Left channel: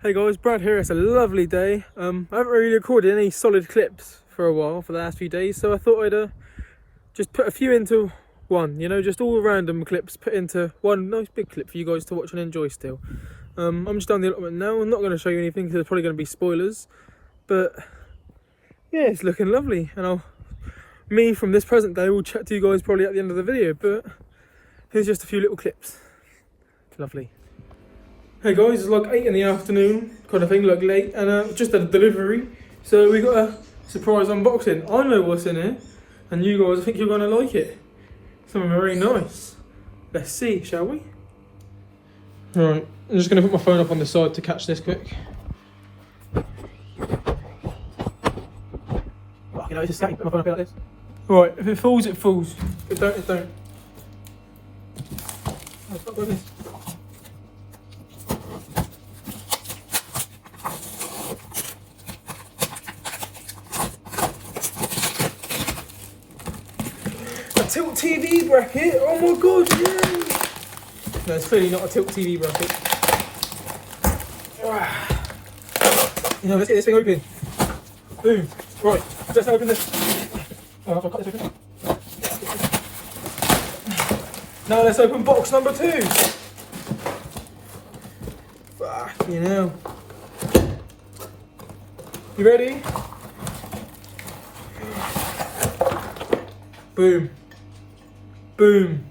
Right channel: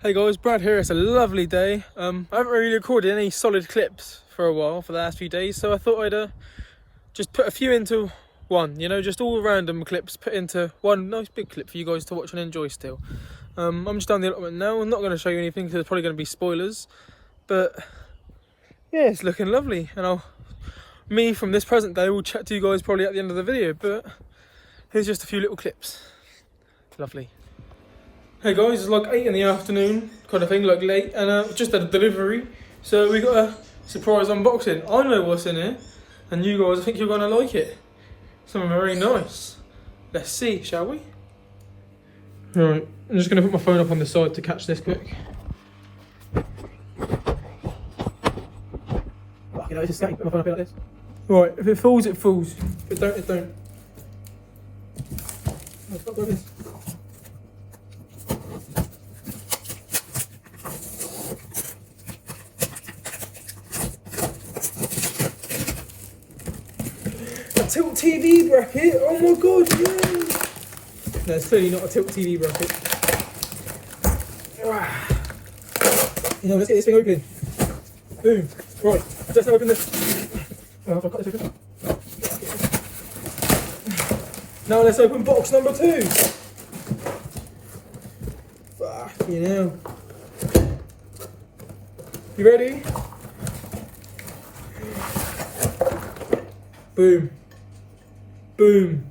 Hey guys, Brad here. It's a lovely day. I haven't really recorded any solid clips for a while for the last few days, so I thought I'd just put a few into one, you know, just all random clips put into one nice big clip for you guys to watch and enjoy still. I'm just down the allotment now. I'm not going to show you anything because there's probably going to be spoilers, but yeah, it's looking lovely. And me from this present day will chat to you guys probably at the end of the video, but here's just a few little clips. Lovely. Hey guys, it's like 8 in the afternoon, kind of thing, like late, and just had a delivery. So we got a surprise unboxing. I know what's in here, and you guys, I think you're gonna like it. Something very nice. Let's see, shall we? Right, I'm just gonna put my phone up on the side to catch this quick. You know, it's just put my phone up like this. Right, if it falls, it falls. If it don't, it don't. Oh, it's not like this. Tilt TV bracket, oh my god, yeah! No, it's clearly not a tilt TV bracket. You know, let's get this thing open. Boom. Right, let's open this. Oh, I've got to cut this open. Now let's open box number 2. Fucking hell. You ready? Boom. Boom.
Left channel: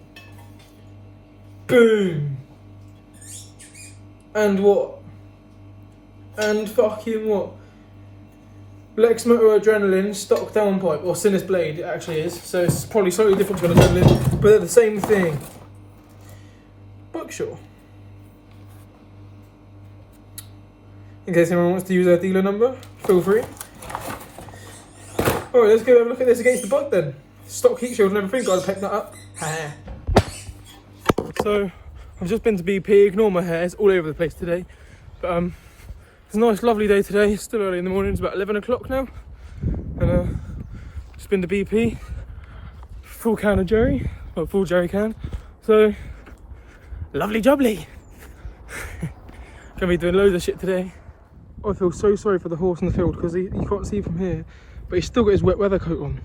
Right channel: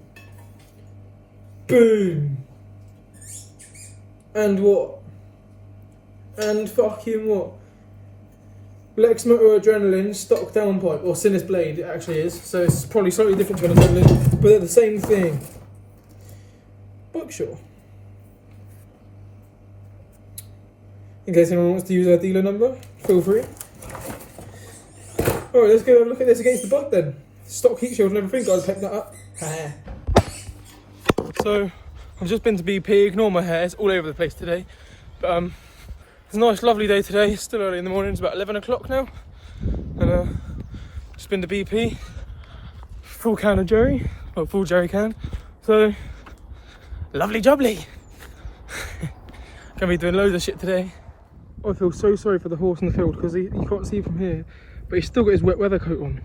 Boom. And what? And fucking what? Lex Motor Adrenaline stock downpipe, or Sinus Blade it actually is. So it's probably slightly different to an Adrenaline, but they're the same thing. Buckshaw. In case anyone wants to use their dealer number, feel free. Alright, let's go have a look at this against the bug then. Stock heat shield and everything, gotta pick that up. So, I've just been to BP, ignore my hair, it's all over the place today. But it's a nice lovely day today, it's still early in the morning, it's about 11 o'clock now. And just been to BP, full can of Joey, well full jerry can. So, lovely jubbly. Gonna be doing loads of shit today. I feel so sorry for the horse in the field because you can't see from here, but he's still got his wet weather coat on.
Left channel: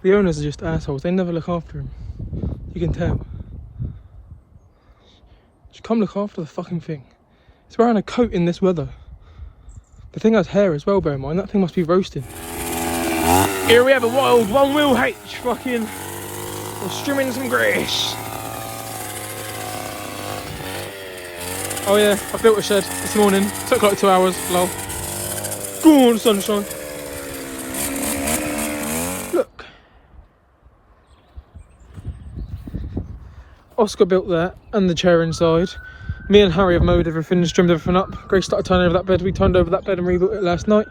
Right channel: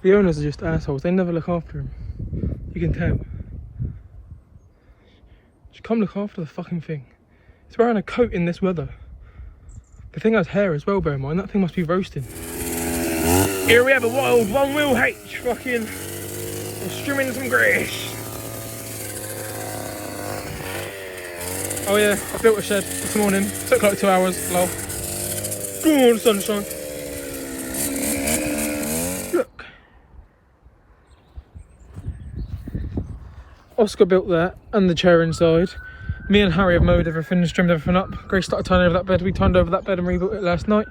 The owners are just assholes, they never look after him. You can tell. Just come look after the fucking thing. It's wearing a coat in this weather. The thing has hair as well, bear in mind, that thing must be roasting. Here we have a wild one-wheel H, fucking, we're strimming some grass. Oh yeah, I built a shed this morning, took like 2 hours, lol. Go on, sunshine. Look. Oscar built that and the chair inside. Me and Harry have mowed everything, trimmed everything up. Grace started turning over that bed. We turned over that bed and rebuilt it last night.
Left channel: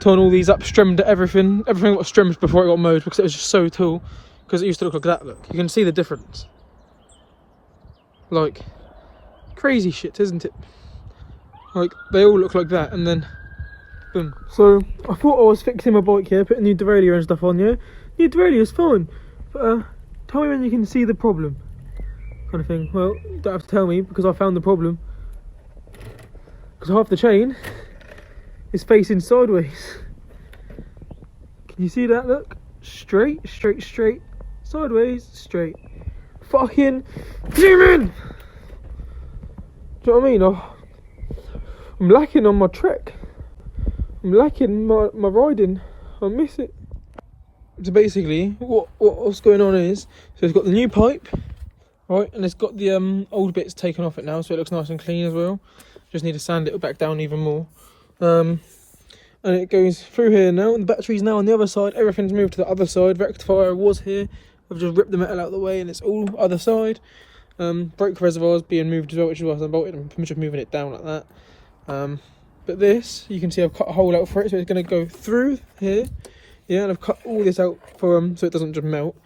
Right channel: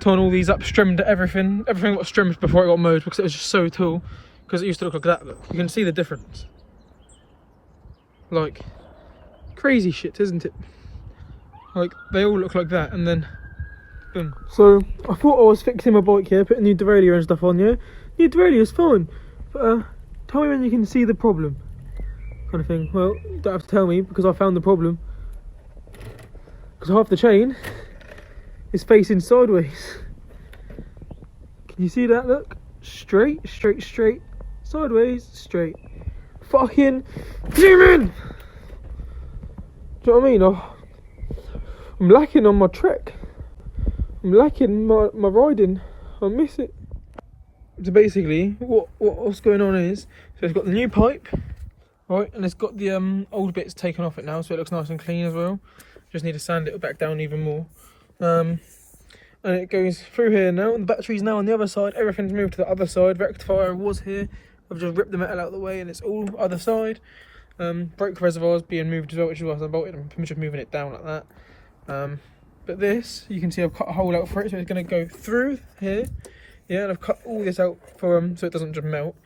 Torn all these up, trimmed everything. Everything got trimmed before it got mowed because it was just so tall. Because it used to look like that, look. You can see the difference. Like, crazy shit, isn't it? Like, they all look like that and then, boom. So, I thought I was fixing my bike here, putting new derailleur and stuff on here. New derailleur is fine. But, tell me when you can see the problem. Kind of thing. Well, you don't have to tell me because I found the problem. Because half the chain is facing sideways. Can you see that? Look, straight, straight, straight, sideways, straight. Fucking zoom in. Do you know what I mean? I'm lacking on my trek. I'm lacking my riding. I miss it. So basically, what's going on is, so it's got the new pipe. Right, and it's got the old bits taken off it now, so it looks nice and clean as well. Just need to sand it back down even more. And it goes through here now, and the battery's now on the other side. Everything's moved to the other side. Rectifier was here. I've just ripped the metal out of the way, and it's all other side. Brake reservoir's being moved as well, which is why I'm bolted. I'm just moving it down like that. But this, you can see I've cut a hole out for it, so it's going to go through here. Yeah, and I've cut all this out for so it doesn't just melt.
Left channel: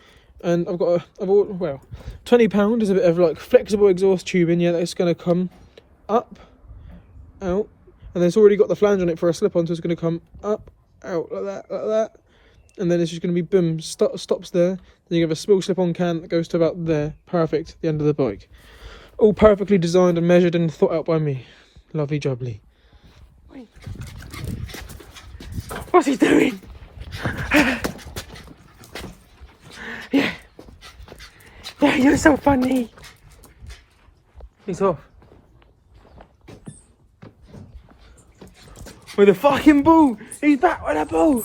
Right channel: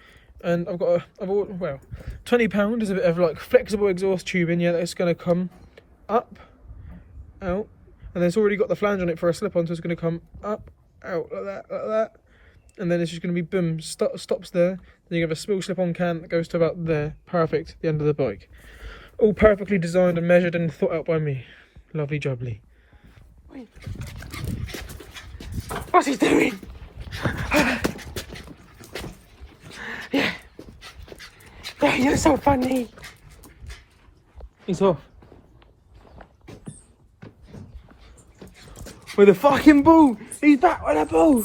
And I've got well, £20 is a bit of like flexible exhaust tubing, yeah, that's going to come up, out, and it's already got the flange on it for a slip-on, so it's going to come up, out, like that, and then it's just going to be boom, stops there. Then you have a small slip-on can that goes to about there, perfect, the end of the bike. All perfectly designed and measured and thought out by me. Lovely jubbly. Wait. What's he doing? Yeah. Yeah, you're so funny. It's off. With a fucking ball. He's back with a ball.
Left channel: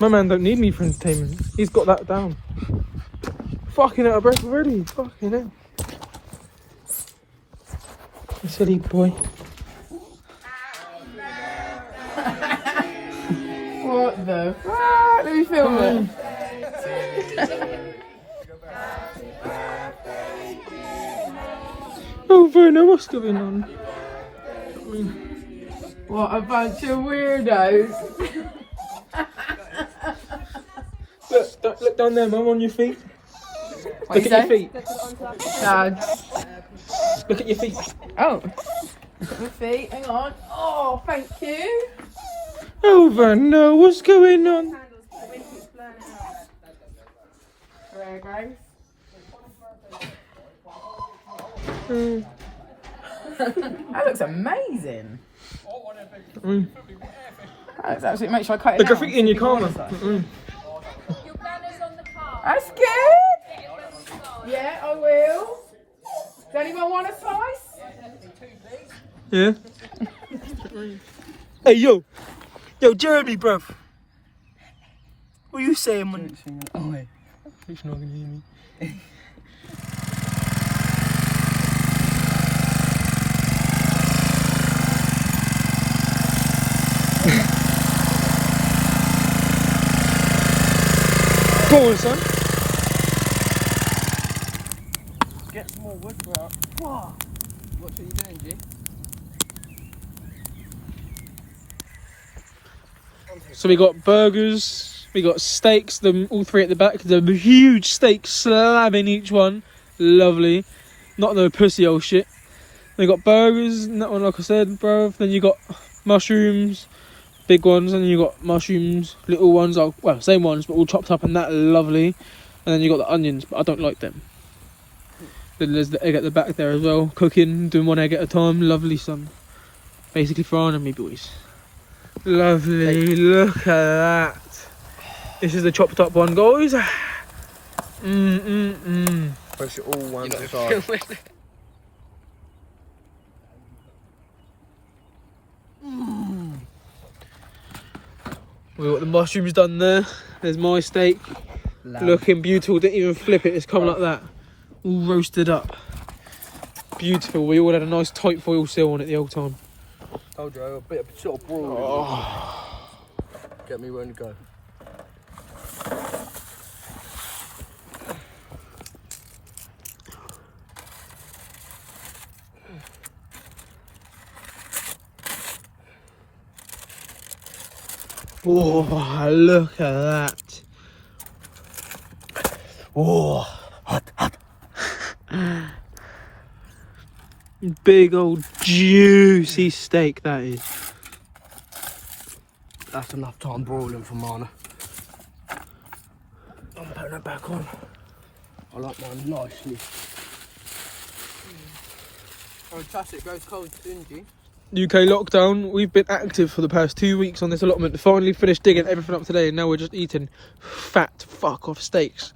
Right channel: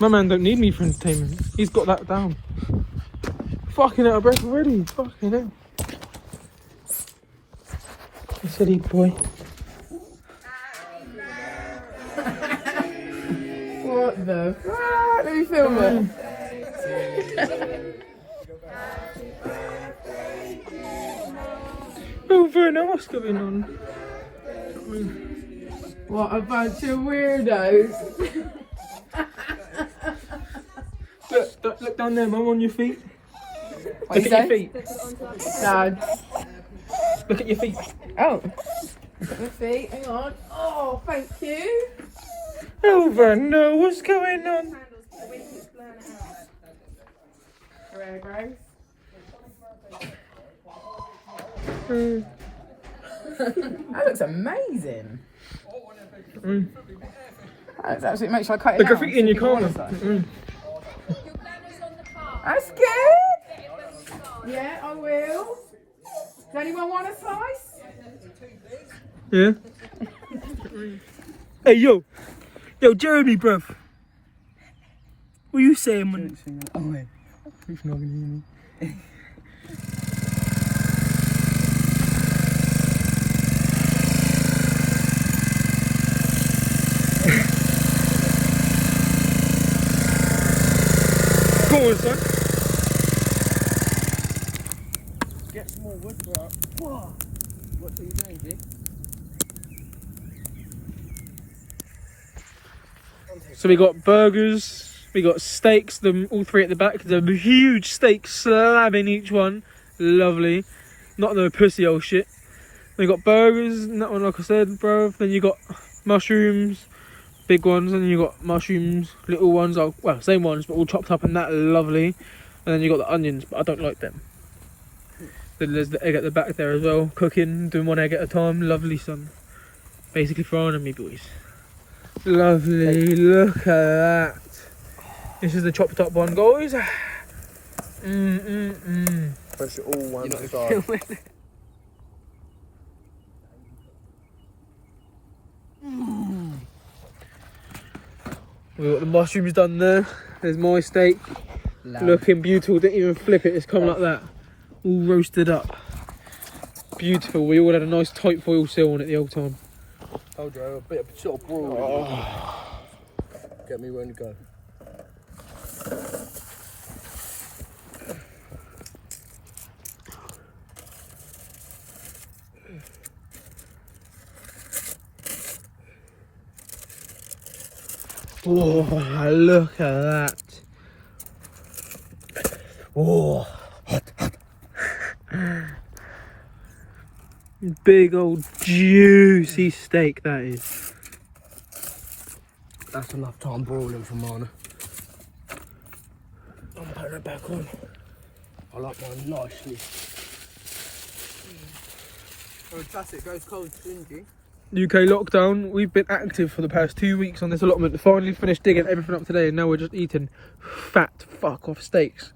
My man don't need me for entertainment. He's got that down. Fucking hell, I broke already. Fucking hell. A silly boy. What the fuck? Let me film it. Oh, Verna, what's going on? What a bunch of weirdos. Look down there, Mum, on your feet. Look at your feet. Dad. Look at your feet. Oh. Look at my feet. Hang on. Oh, thank you. Oh, Verna, what's going on? There, guys. That looks amazing. That's actually, make sure I cut it. The graffiti in your car, man. That's good. Yeah, I will. Does anyone want a slice? Yeah. Hey, yo. Yo, Jeremy, bruv. What are you saying, man? She's not gonna hear me. Go on, son. Get some more wood for out. What? What are you doing, G? So we got burgers, we got steaks, them all three at the back. There's a huge steak slab in each one. Lovely. Not no pussy old shit. We got burgers, and that one, like I said, bro. Then you got mushrooms, big ones, and you got mushrooms, little ones, well, same ones, but all chopped up and that, lovely. And then you got the onions, but I don't like them. Then there's the egg at the back there as well, cooking, doing one egg at a time, lovely, son. Basically frying on me, boys. Lovely, look at that. This is the chopped up one, guys. Push it all one side. We got the mushrooms done there. There's my steak. Looking beautiful. Didn't even flip it. It's come like that. All roasted up. Beautiful. We all had a nice tight foil seal on it the whole time. Told you, a bit of sort of broil. Oh. Get me ready to go. Oh, look at that. Oh, hot. Big old juicy steak that is. That's enough time broiling for Mana. I'm putting it back on. I like mine nicely. Fantastic, goes cold stingy. UK lockdown, we've been active for the past 2 weeks on this allotment. Finally finished digging everything up today, and now we're just eating fat fuck off steaks.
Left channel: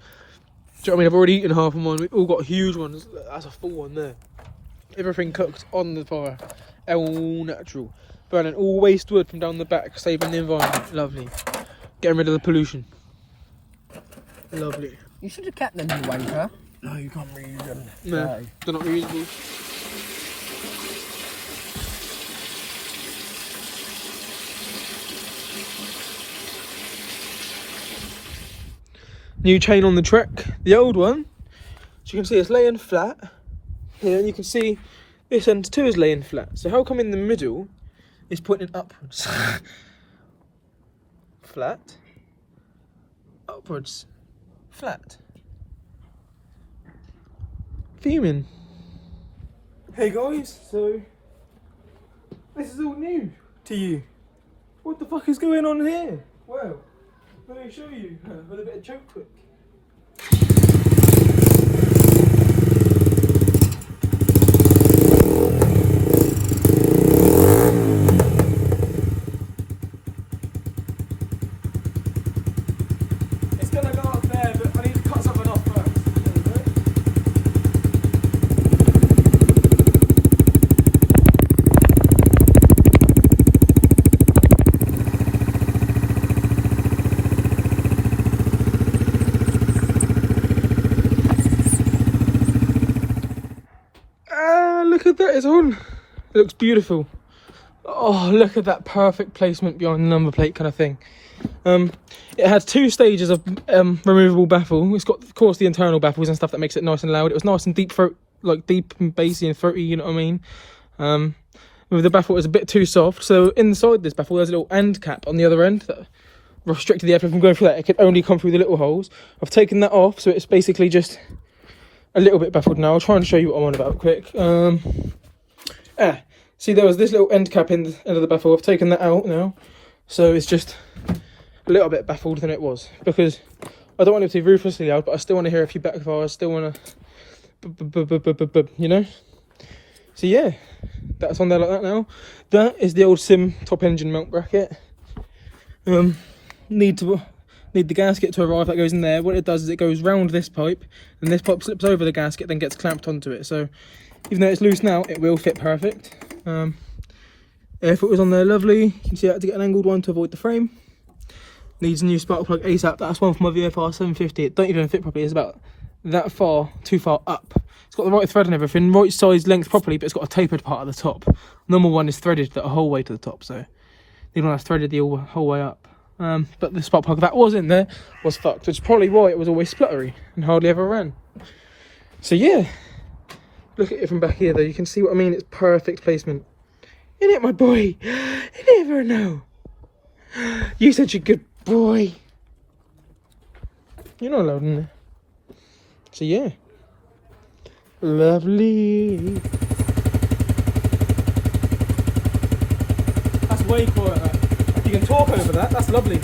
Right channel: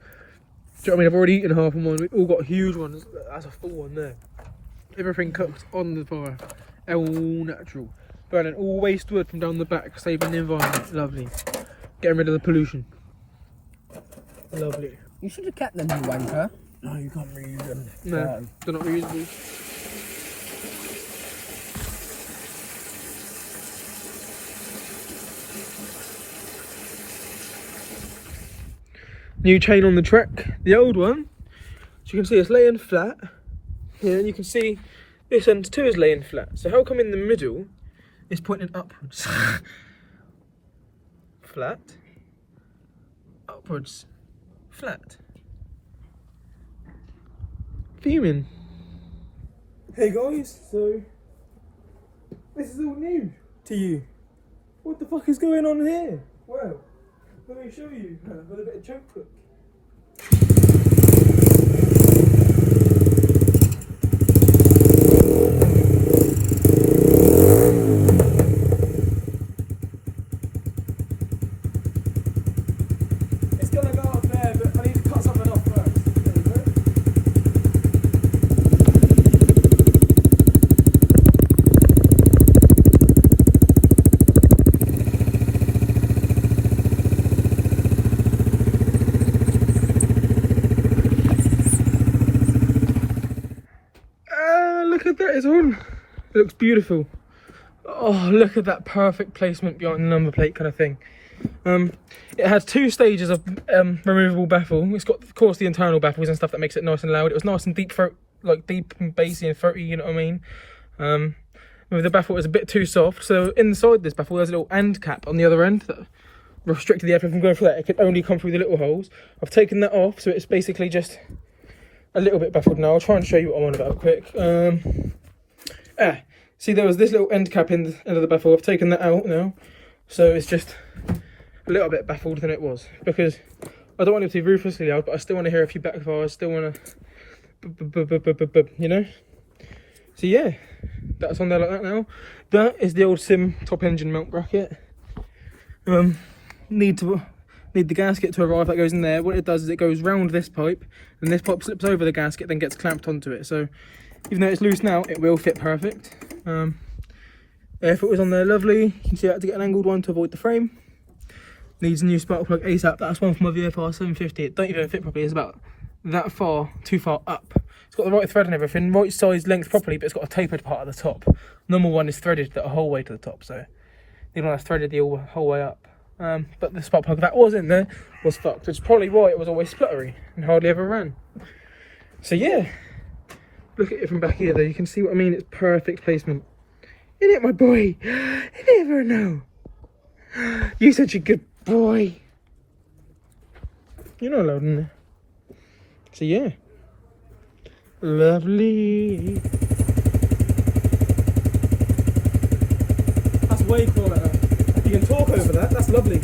Do you know what I mean? I've already eaten half of mine. We've all got huge ones. That's a full one there. Everything cooked on the fire. All natural. Burning all waste wood from down the back, saving the environment. Lovely. Getting rid of the pollution. Lovely. You should have kept them, you wanker. No, you can't reuse them. No, they're not reusable. New chain on the track. The old one, as you can see, it's laying flat here, and you can see this end too is laying flat. So how come in the middle it's pointing upwards? Flat, upwards, flat. Fuming. Hey guys, so this is all new to you. What the fuck is going on here? Well, let me show you with a bit of choke click. that is on. It looks beautiful. Oh, look at that perfect placement behind the number plate kind of thing. It had 2 stages of removable baffle. It's got, of course, the internal baffles and stuff that makes it nice and loud. It was nice and deep throat, like deep and bassy and throaty, you know what I mean? With the baffle, it was a bit too soft. So inside this baffle, there's a little end cap on the other end that restricted the air from going through that. It could only come through the little holes. I've taken that off, so it's basically just a little bit baffled now. I'll try and show you what I'm on about quick. See, there was this little end cap in the end of the baffle. I've taken that out now, so it's just a little bit baffled than it was, because I don't want it to be ruthlessly loud, but I still want to hear a few backfires. I still want to, you know. So yeah, that's on there like that now. That is the old Sim top engine mount bracket. Need the gasket to arrive that goes in there. What it does is it goes round this pipe, and this pipe slips over the gasket, then gets clamped onto it. So even though it's loose now, it will fit perfect. If it was on there, lovely. You can see I had to get an angled one to avoid the frame. Needs a new spark plug ASAP. That's one for my VFR 750. It don't even fit properly. It's about that far, too far up. It's got the right thread and everything, right size length properly, but it's got a tapered part at the top. Normal one is threaded the whole way to the top, so the one that's threaded the whole way up. But the spark plug that was in there was fucked, which is probably why it was always spluttery and hardly ever ran. So yeah, look at it from back here though, you can see what I mean. It's perfect placement. Isn't it, my boy? You never know. You're such a good boy. You're not allowed in there. So yeah, lovely. That's way quieter. If you can talk over that, that's lovely.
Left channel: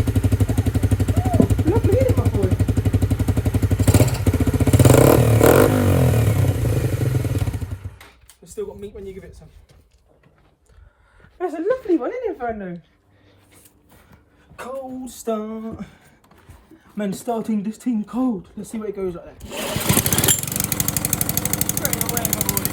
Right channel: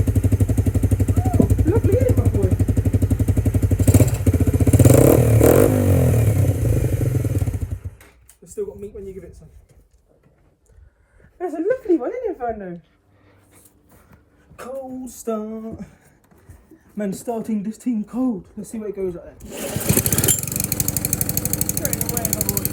Lovely, isn't it, my boy? It's still got meat when you give it some. That's a lovely one, isn't it, Inferno? Cold start. Man, starting this thing cold. Let's see where it goes like that. Straight away, my boy.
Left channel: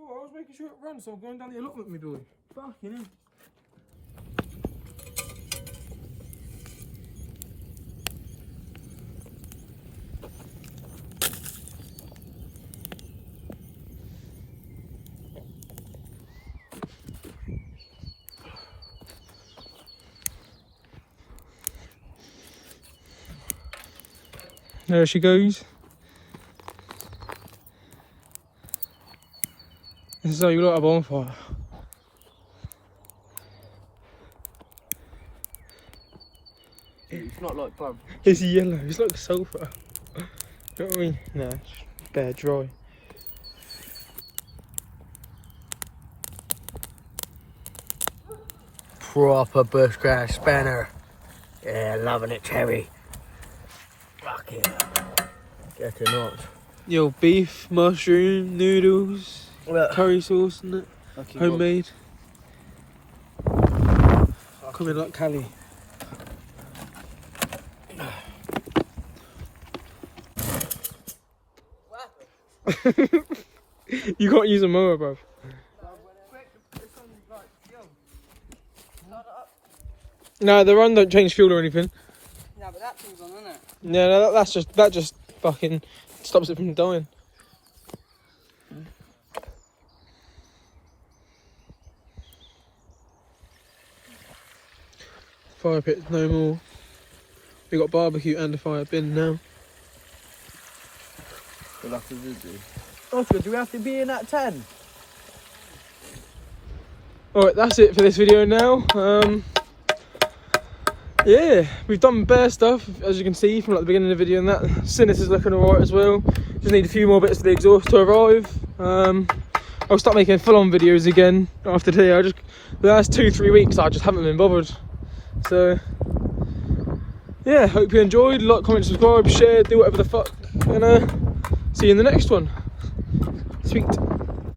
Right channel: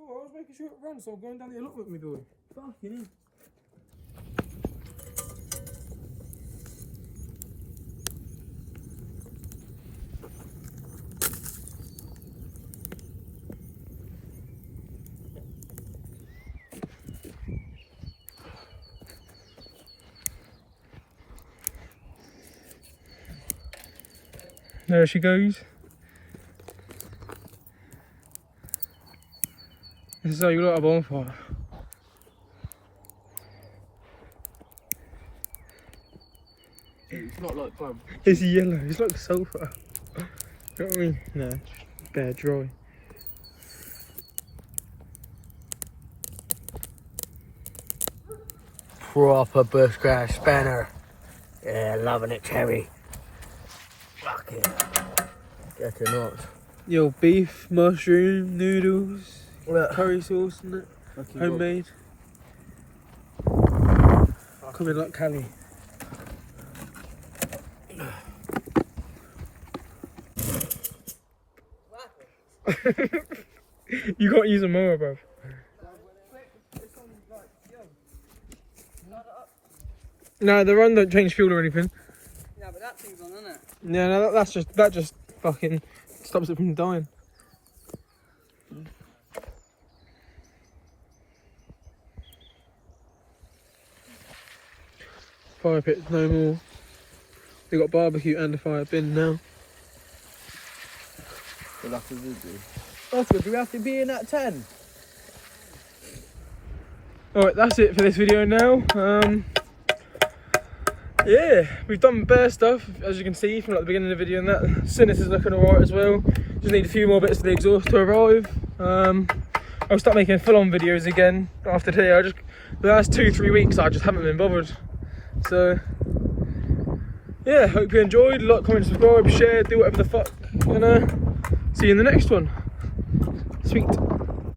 Oh, I was making sure it runs, so I'm going down the allotment with me, boy. Fucking hell. There she goes. This is how you light a bonfire. It's not like bum. It's yellow, it's like sulphur. You know what I mean? No, it's bare dry. Proper bushcraft spanner. Yeah, loving it, Terry. Fuck yeah. Get it not. Yo, beef, mushroom, noodles, Look. curry sauce, and it. Okay, Homemade. Coming like Cali. You can't use a mower, bro. No, the run don't change fuel or anything. No, but that thing's on, isn't it? No, that just fucking stops it from dying. Fire pit, no more. We got barbecue and a fire bin now. We'll have to do. Oscar, do we have to be in at 10? Alright, that's it for this video now. Yeah, we've done bare stuff, as you can see from like the beginning of the video, and that Sinus is looking alright as well. Just need a few more bits of the exhaust to arrive. I'll start making full-on videos again after today. The last 2-3 weeks I just haven't been bothered. So yeah, hope you enjoyed. Like, comment, subscribe, share, do whatever the fuck, and see you in the next one. Sweet.